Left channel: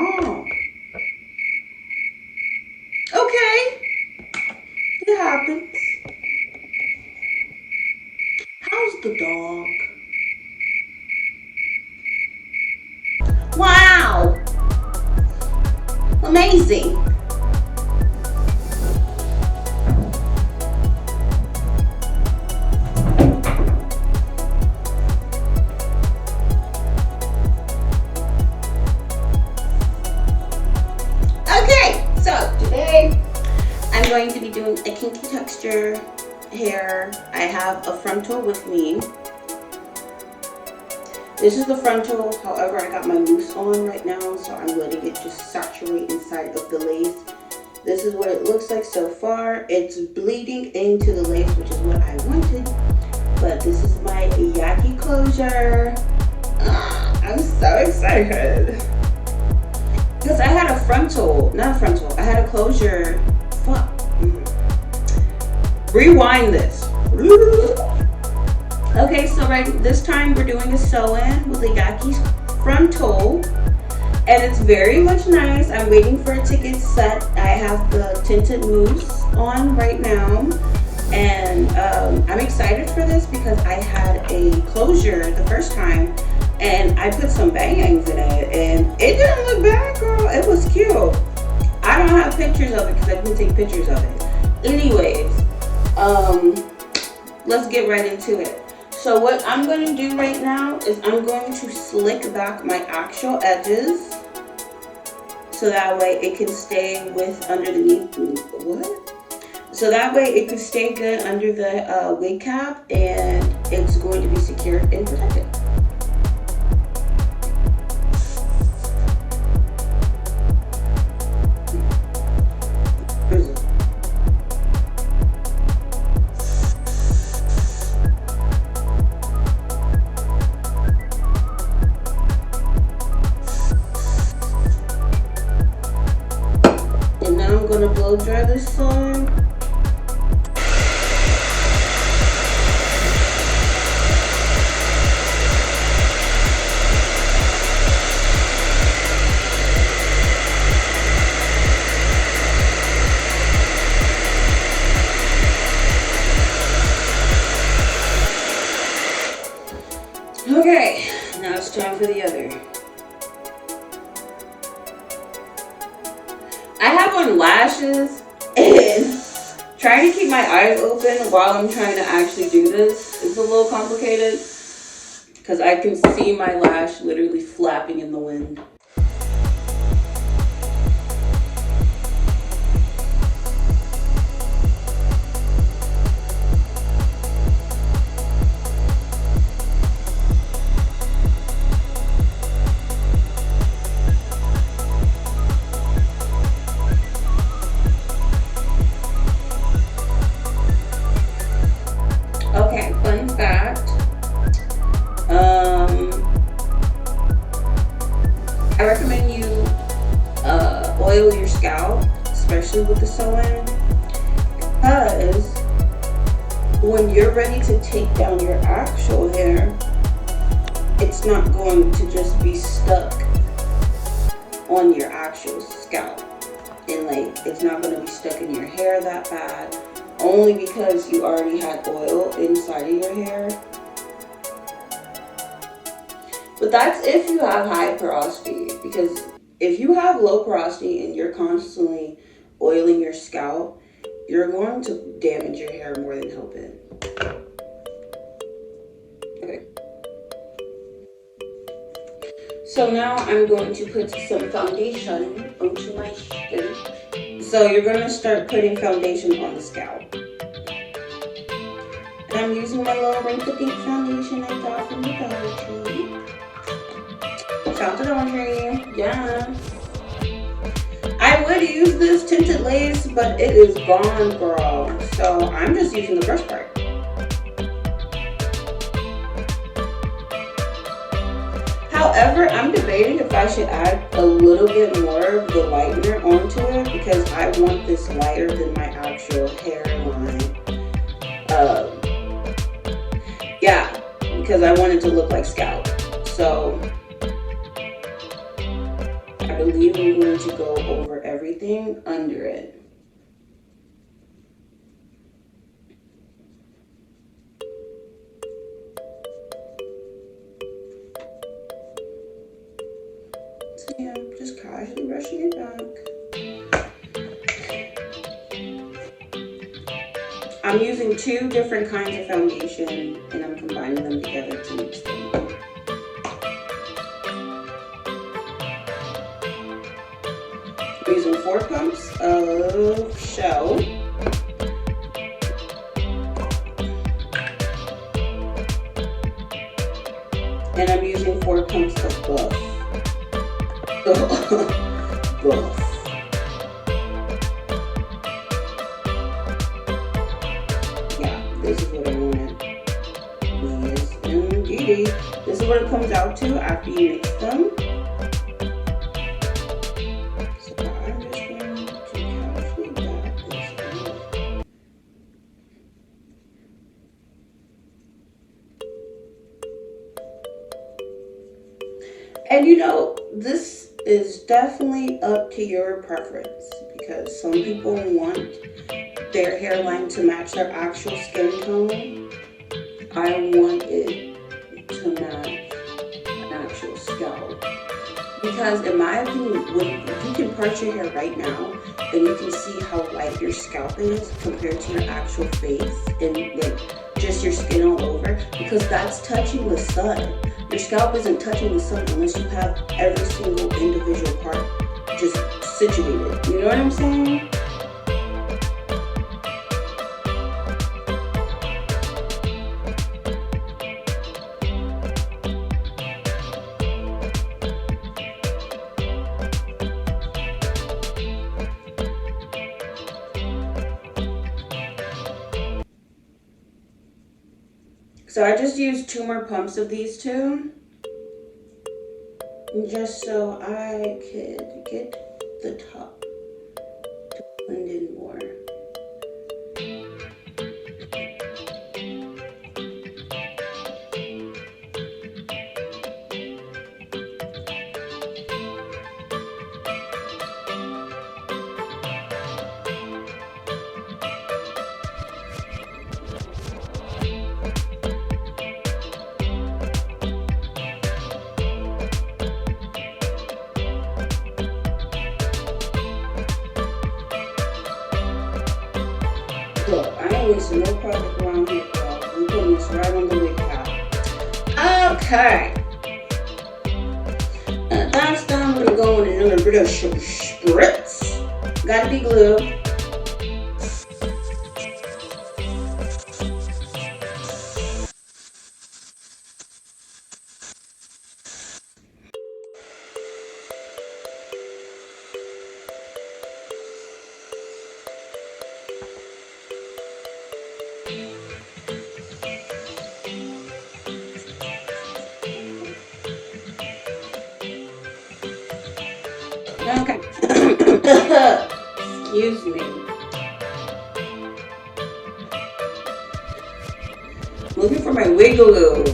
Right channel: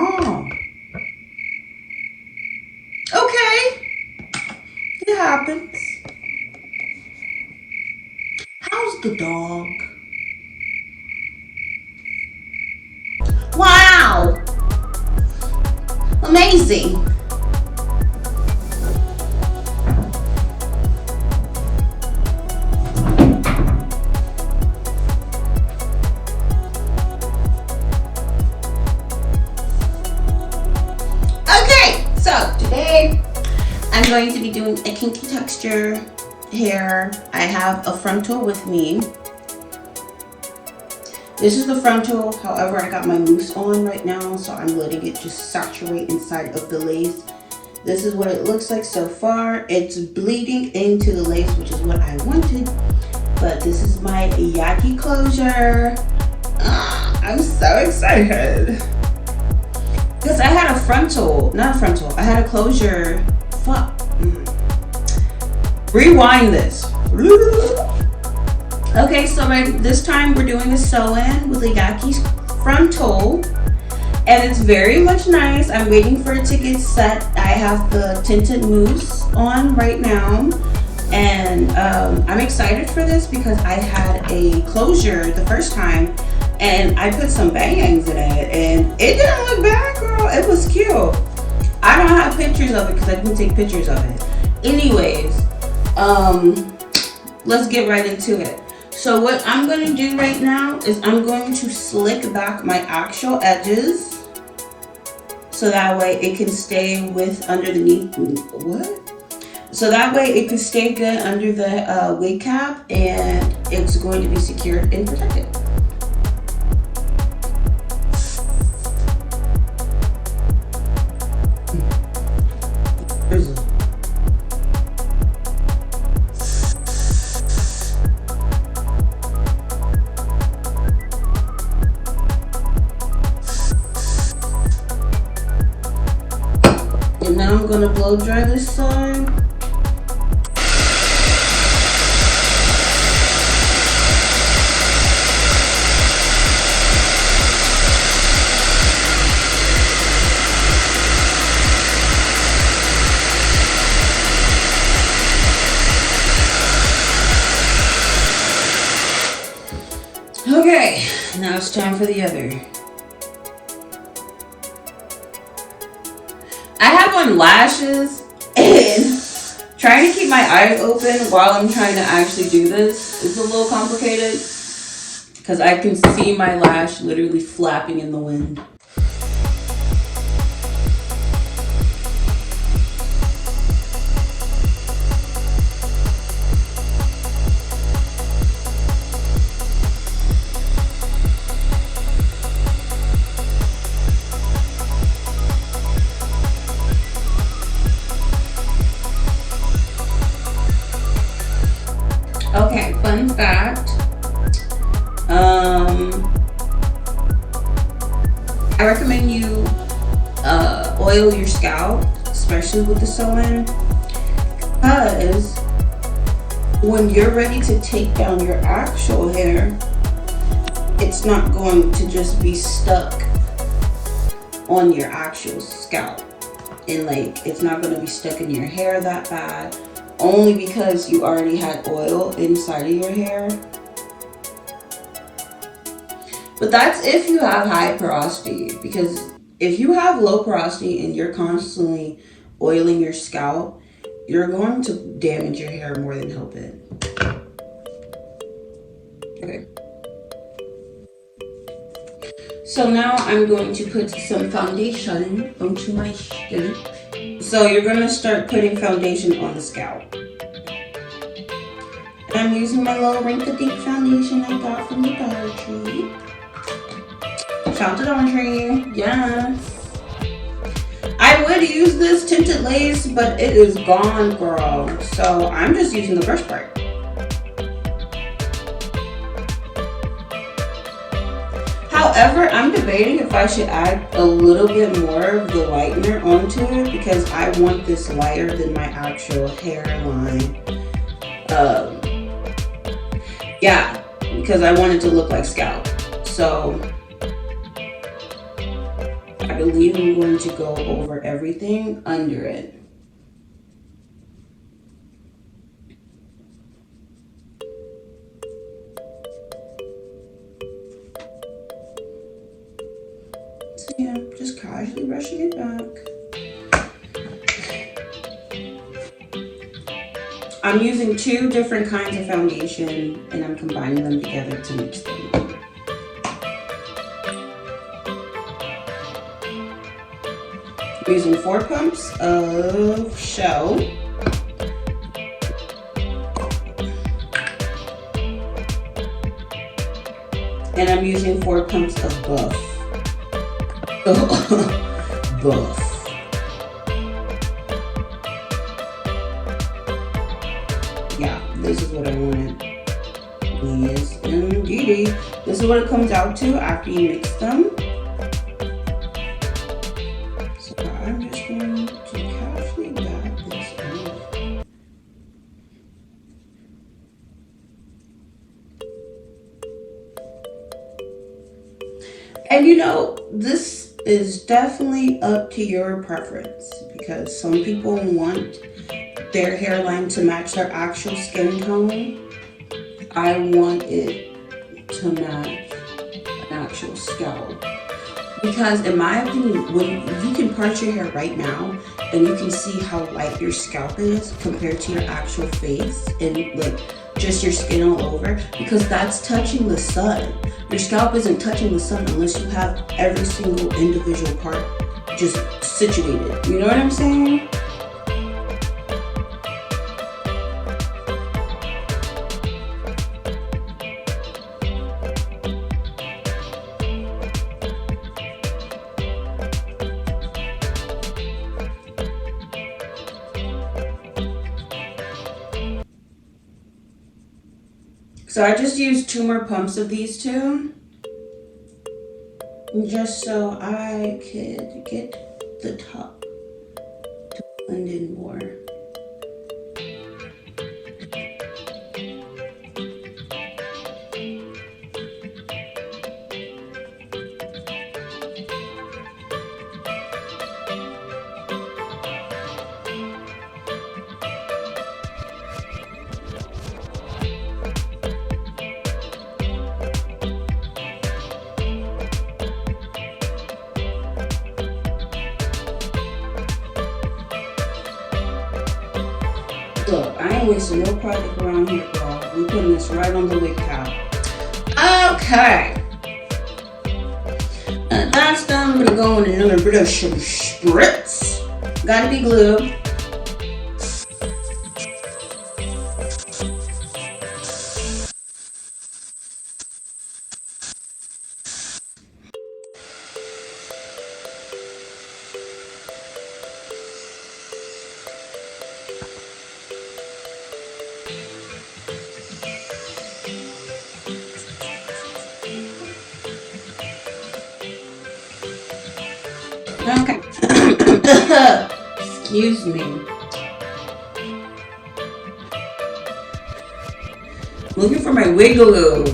Oh, okay. It happens. How's the dog? Wow. Amazing. Okay, so today I'm going to be doing a kinky texture hair. I have a frontal with me. This is the frontal, however I got my mousse on right now, so I'm letting it just saturate inside of the lace. This is what it looks like so far. It's bleeding into the lace, which is what I wanted, but this is my Yaki closure. I'm so excited. Because I had a frontal, not a frontal, I had a closure. Fuck. Rewind this. Okay, so this time we're doing a sew-in with a Yaki frontal, and it's very much nice. I'm waiting for it to get set. I have the tinted mousse on right now, and I'm excited for this because I had a closure the first time, and I put some bangs in it, and it didn't look bad, girl. It was cute. I don't have pictures of it because I didn't take pictures of it. Anyways, let's get right into it. So what I'm going to do right now is I'm going to slick back my actual edges so that way it can stay underneath. What? So that way it can stay good under the wig cap, and it's going to be secured and protected. Blow dry this side. Okay, now it's time for the other. I have on lashes, and trying to keep my eyes open while I'm trying to actually do this is a little complicated because I can see my lash literally flapping in the wind. Oil your scalp, especially with the sew-in, because when you're ready to take down your actual hair, it's not going to just be stuck on your actual scalp, and like it's not going to be stuck in your hair that bad, only because you already had oil inside of your hair. But that's if you have high porosity, because if you have low porosity and you're constantly oiling your scalp, you're going to damage your hair more than help it. Okay. So now I'm going to put some foundation onto my skin. So you're going to start putting foundation on the scalp. And I'm using my little wrinkle-deep foundation I got from the Dollar Tree. Shout to Dollar Tree. Yes. I would use this tinted lace, but it is gone, girl. So I'm just using the first part. However, I'm debating if I should add a little bit more of the lightener onto it because I want this lighter than my actual hairline. Yeah, because I want it to look like scalp. So I believe I'm going to go over everything under it. So yeah, just casually brushing it back. I'm using 2 different kinds of foundation and I'm combining them together to mix them up. I'm using 4 pumps of shell. And I'm using 4 pumps of buff. Buff. Yeah, this is what I wanted. Yes, indeedy. This is what it comes out to after you mix them. So I'm just going to casually dab this in. And you know, this is definitely up to your preference because some people want their hairline to match their actual skin tone. I want it to match an actual scalp. Because in my opinion, when you can part your hair right now and you can see how white your scalp is compared to your actual face and like just your skin all over, because that's touching the sun. Your scalp isn't touching the sun unless you have every single individual part just situated. You know what I'm saying? So I just used 2 more pumps of these 2, just so I could get the top to blend in more. Wasting no product around here, y'all. We're putting this right on the wig cap. Okay. That's done. I'm gonna go in another brush spritz. Gotta be glued. Okay. Excuse me. Looking for my wig glue.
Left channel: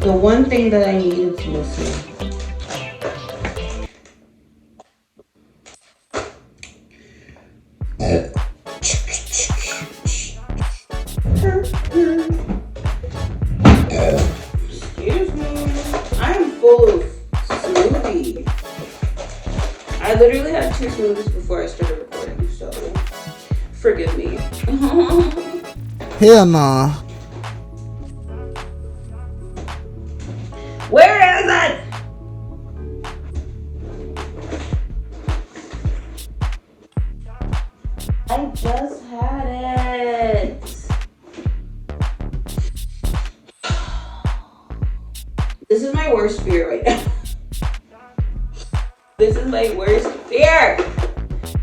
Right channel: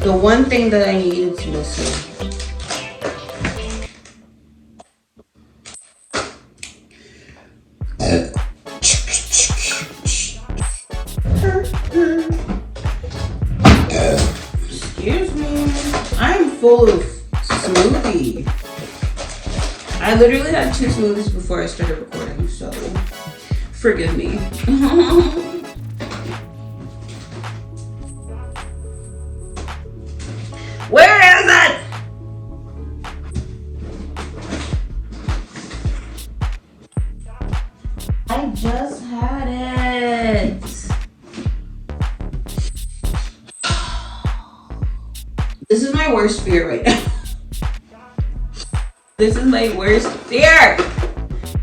The one thing that I needed to listen. Excuse me. I am full of smoothie. I literally had 2 smoothies before I started recording, so forgive me. Hell nah. Where is it? I just had it. This is my worst fear right now. This is my worst fear.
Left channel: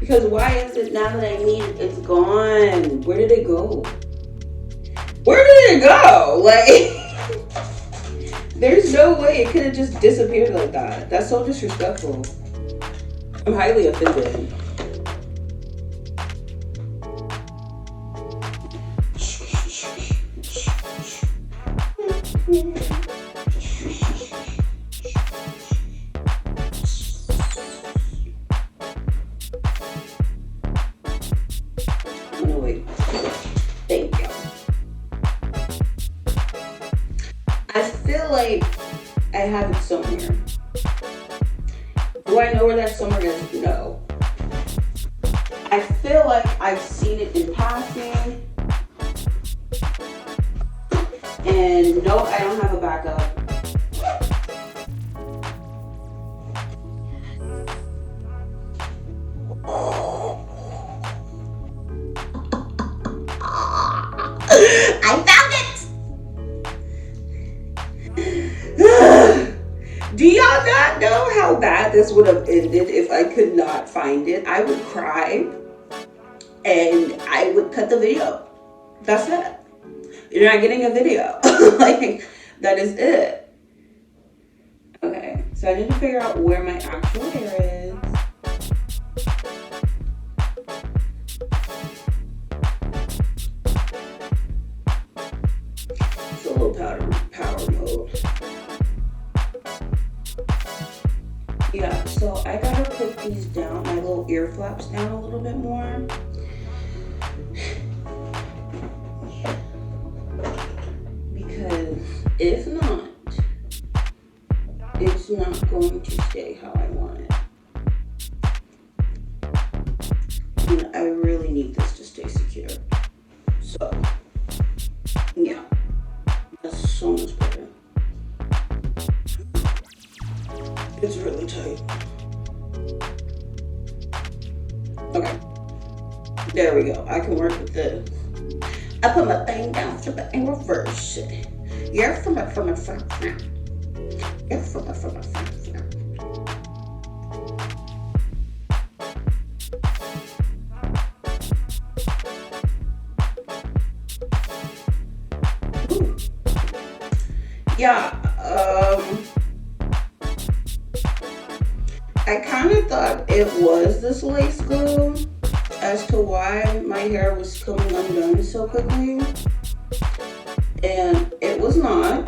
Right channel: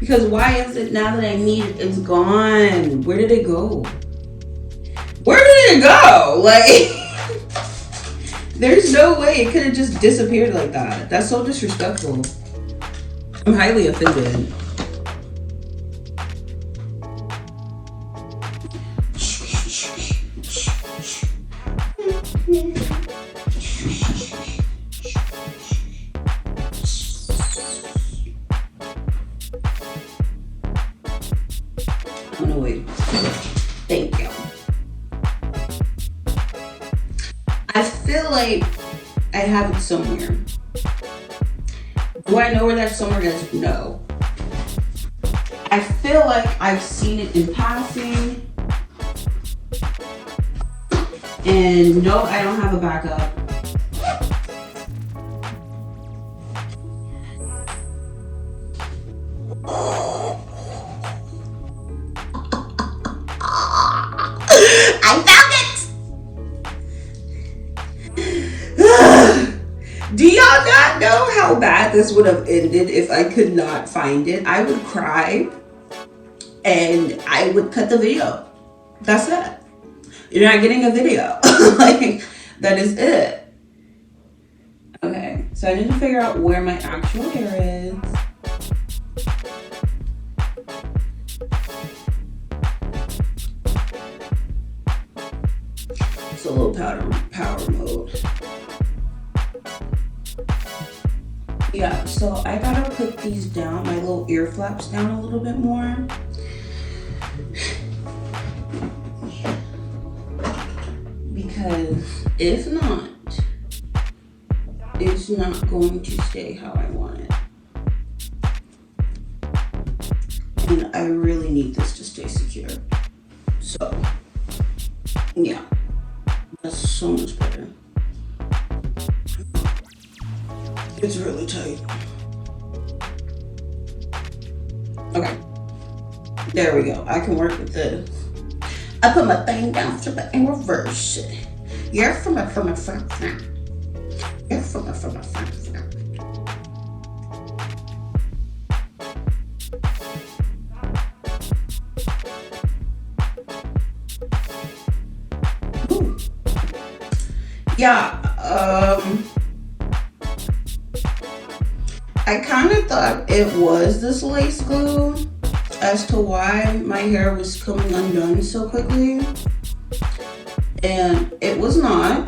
Because why is it now that I need it, it's gone? Where did it go? Where did it go? Like, there's no way it could have just disappeared like that. That's so disrespectful. I'm highly offended. Thank you. I feel like I have it somewhere. Do I know where that somewhere is? No. I feel like I've seen it in passing. And no, I don't have a backup. I found it! Do y'all not know how bad this would have ended if I could not find it? I would cry and I would cut the video. That's it. You're not getting a video. Like, that is it. Okay, so I need to figure out where my actual hair is. It's a little power mode. Yeah, so I gotta put these down, my little ear flaps down a little bit more. Because if not, it's not going to stay how I want it. And I really need this to stay secure. So, yeah, that's so much better. It's really tight. Okay, there we go. I can work with this. I put my thing down and reverse it. You're from my front. You're from my front. Yeah, I kind of thought it was this lace glue as to why my hair was coming undone so quickly, and it was not.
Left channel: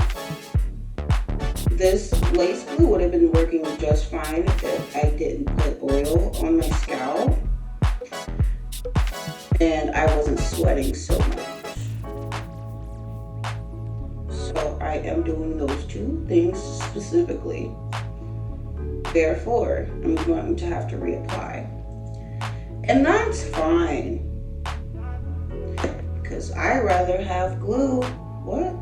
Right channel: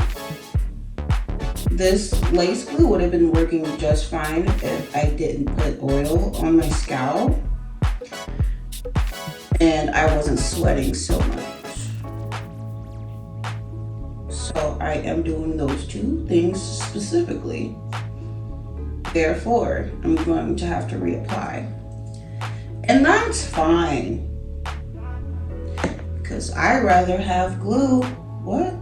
This lace glue would have been working just fine if I didn't put oil on my scalp and I wasn't sweating so much. So I am doing those two things specifically. Therefore, I'm going to have to reapply. And that's fine. Because I'd rather have glue. What?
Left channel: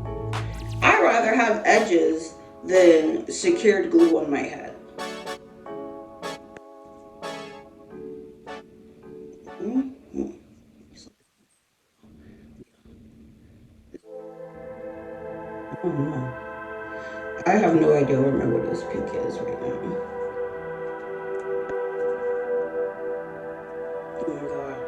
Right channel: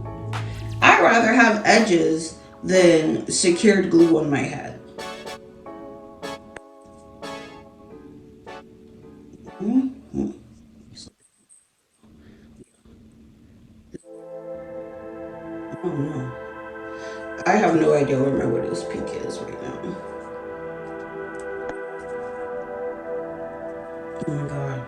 I'd rather have edges than secured glue on my head. Mm-hmm. Oh no. I have no idea where my widow's peak is right now. Oh my god.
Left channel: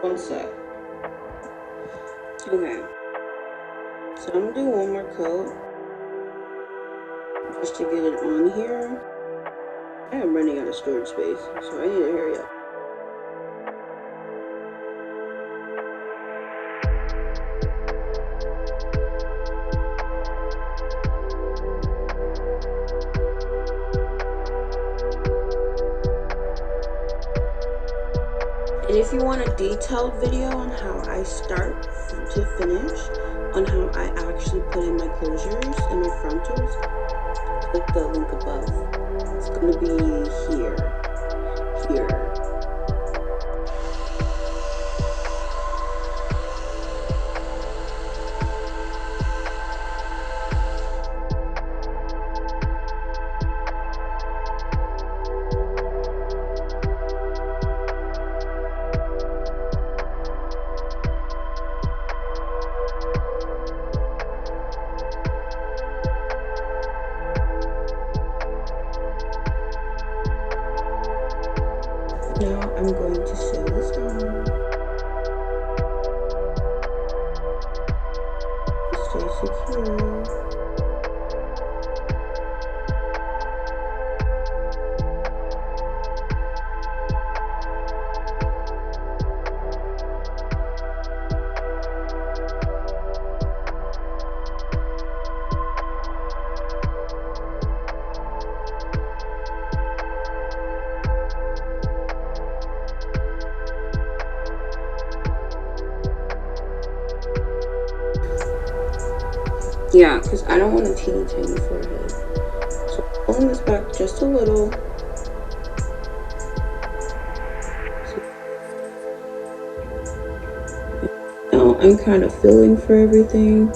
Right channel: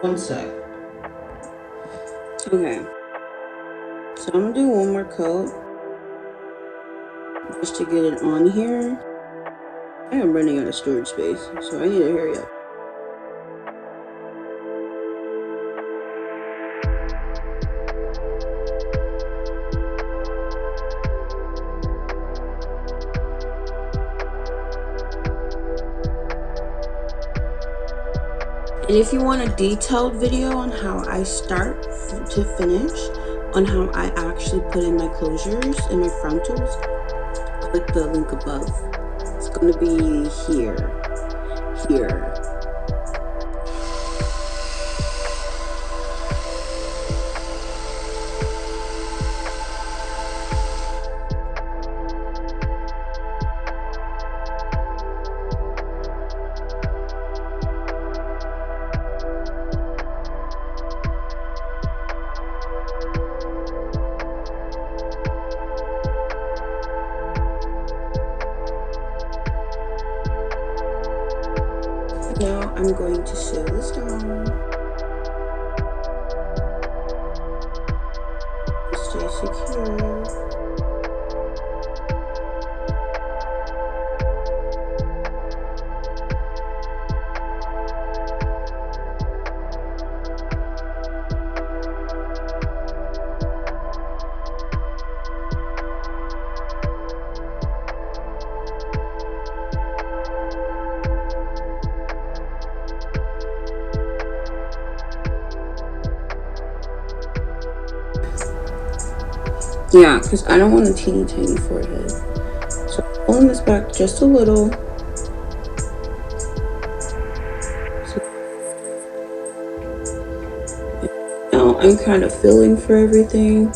One sec. Okay. So I'm gonna do one more coat just to get it on here. I am running out of storage space, so I need to hurry up. And if you want a detailed video on how I start to finish, on how I actually put in my closures and my frontals, click the link above. It's going to be here. Now I'm going to sew this down. Stay secure. Yeah, because I don't want a teeny tiny forehead. So I'm pulling this back just a little. Now I'm kind of feeling for everything.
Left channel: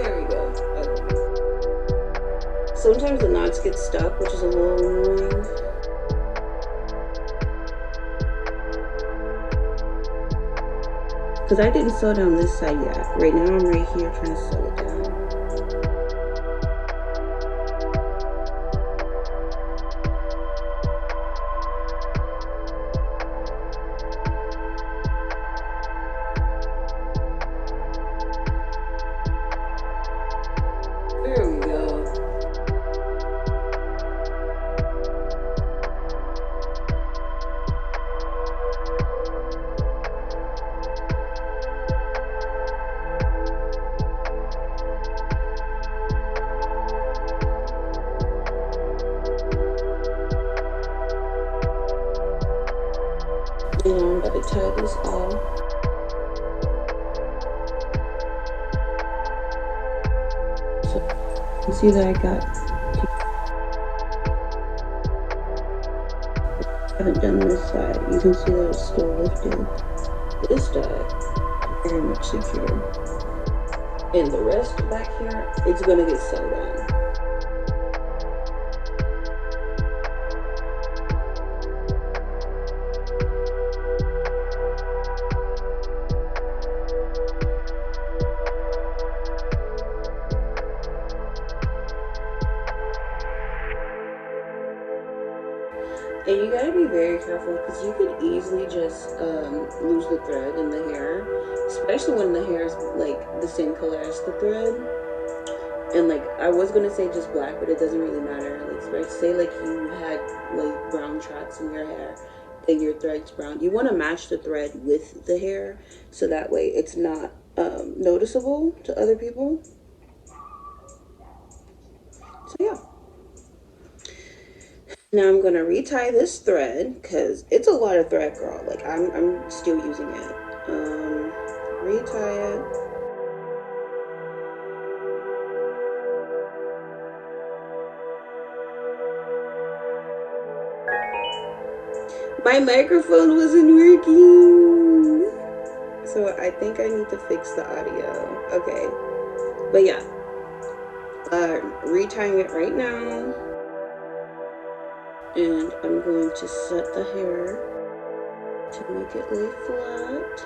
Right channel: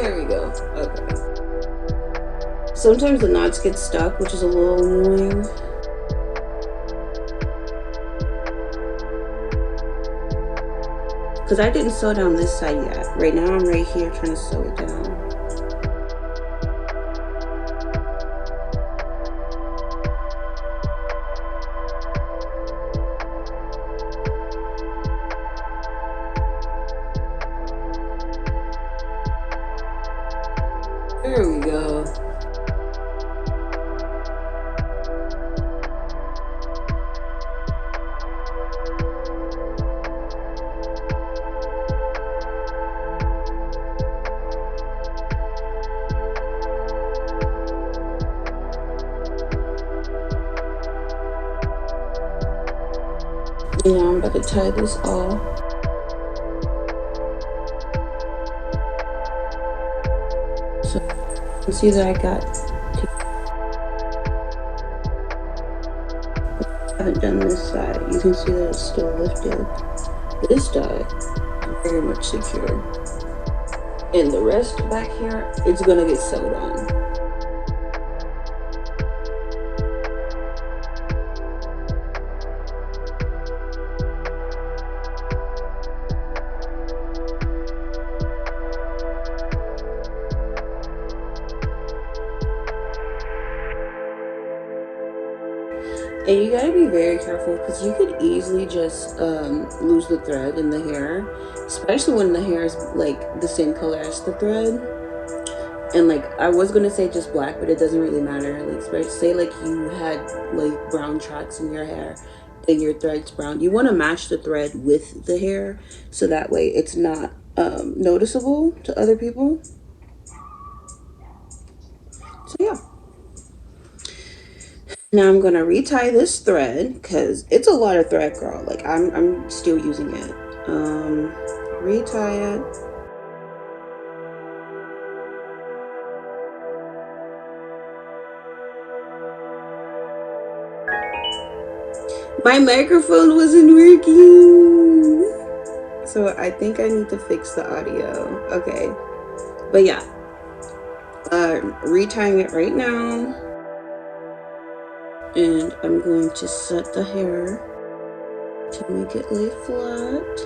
There we go. Okay. Sometimes the knots get stuck, which is a little annoying. Because I didn't sew down this side yet. Right now I'm right here trying to sew it down. There we go. And now I'm about to tie this off. So you can see that I haven't done this side. You can see that it's still lifted. This side, very much secure. And the rest back here, it's gonna get sewed on. And you gotta be very careful because you could easily just lose the thread in the hair, especially when the hair is like the same color as the thread. And like I was gonna say just black, but it doesn't really matter. Like say like you had like brown tracks in your hair and your thread's brown. You want to match the thread with the hair so that way it's not noticeable to other people. So yeah. Now I'm gonna retie this thread because it's a lot of thread, girl. Like I'm still using it. Retie it. My microphone wasn't working. So I think I need to fix the audio. Okay. But yeah. Retying it right now. And I'm going to set the hair to make it lay flat.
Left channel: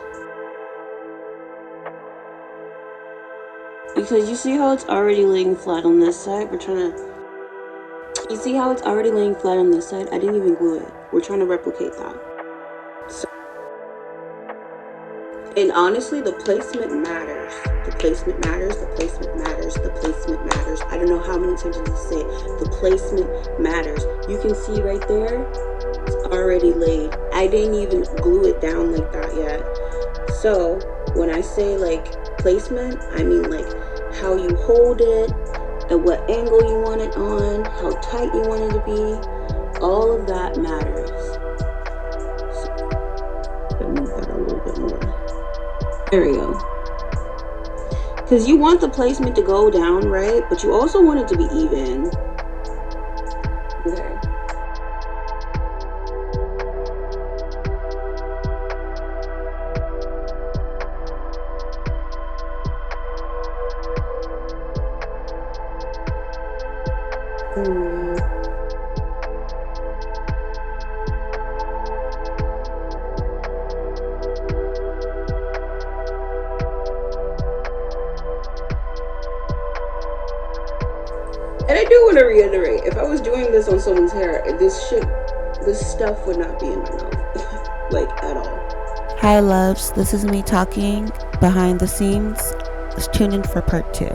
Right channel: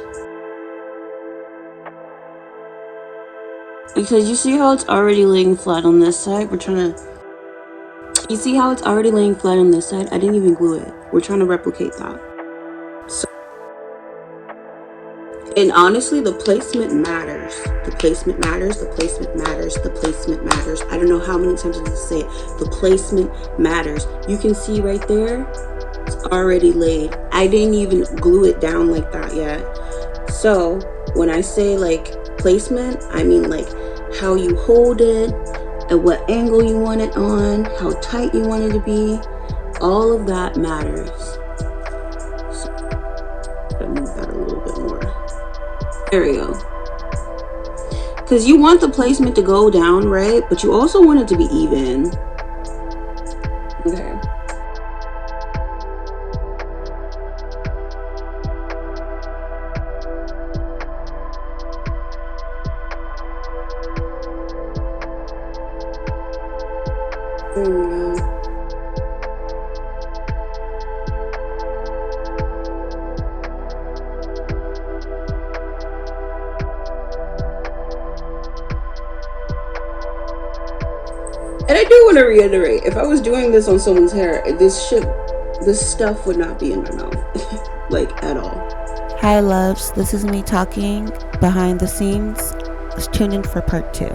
because you see how it's already laying flat on this side? You see how it's already laying flat on this side? I didn't even glue it. We're trying to replicate that. So, and honestly, the placement matters. The placement matters, the placement matters, the placement matters. I don't know how many times I need to say it. The placement matters. You can see right there, it's already laid. I didn't even glue it down like that yet. So when I say like placement, I mean like how you hold it, at what angle you want it on, how tight you want it to be. All of that matters. So I'll move that a little bit more. There we go. Because you want the placement to go down, right? But you also want it to be even. Okay. There we go. And I do want to reiterate, if I was doing this on someone's hair, this stuff would not be in my mouth, like at all. Hi loves, this is me talking behind the scenes. Tune in for part 2.